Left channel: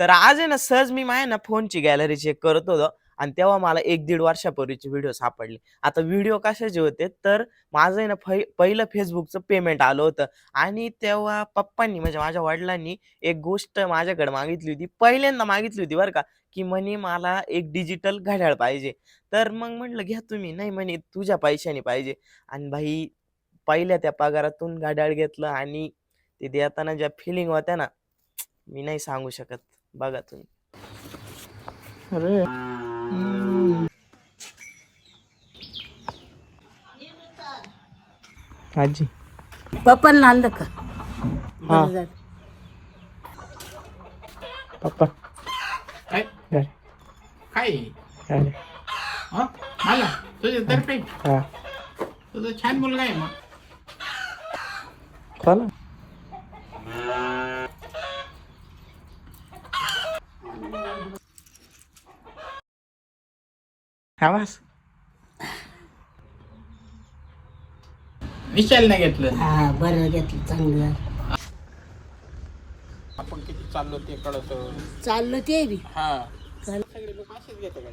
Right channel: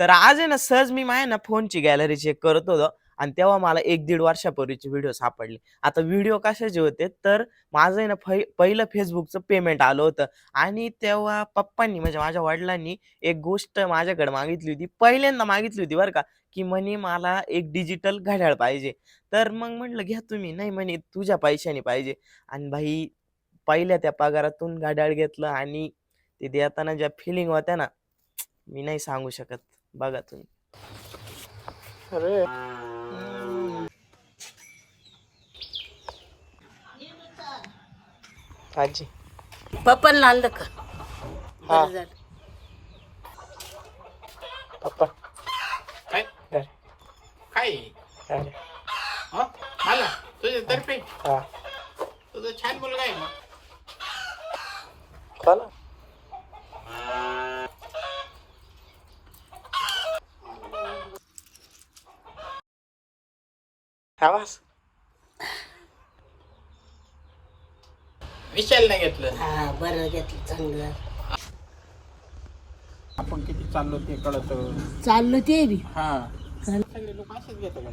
तर आज आहे ना सहज मी माझ्या ना फोनची गॅलरी चेक करत होतो आणि तेव्हा मला 1-1.5 वर्षापूर्वीचे व्हिडिओ सापडले. आता व्हिडिओ कशाचे होते तर माझं आहे ना पहिलं Facebookचं पेमेंट आलं होतं आणि तेव्हा पप्पांनी म्हणजे माझ्या वडिलांनी एक गोष्ट माझ्याकडे मागितली होती. पहिल्यांदा मागितली होती बरं का, की म्हणे मला एक डिजिटल घड्याळ पाहिजे. तर मग म्हटलं घ्या तुम्ही. नाही म्हणे तुझ्या पैशाने पाहिजे आणि भाई पहिल्या त्या पगारातून घड्याळ घेतलं आणि ते देताना ज्या फिलिंग होत्या ना, मी नाही सांगू शकत. बघा तुम्ही. अरे आजी पप्पांना आणलं का हा. बरं झालं. पप्पा काय झाले काय झाले हं? मला तुझे तर्फे हा तुझा छान मुलगा आहे मग चालेल खावास विशालने घेतलं हा बरं घेतलं चांगलं आपण किती चाललो ते कळत चाललं ते बी हा चाल सगळे लोक असेच घेतो का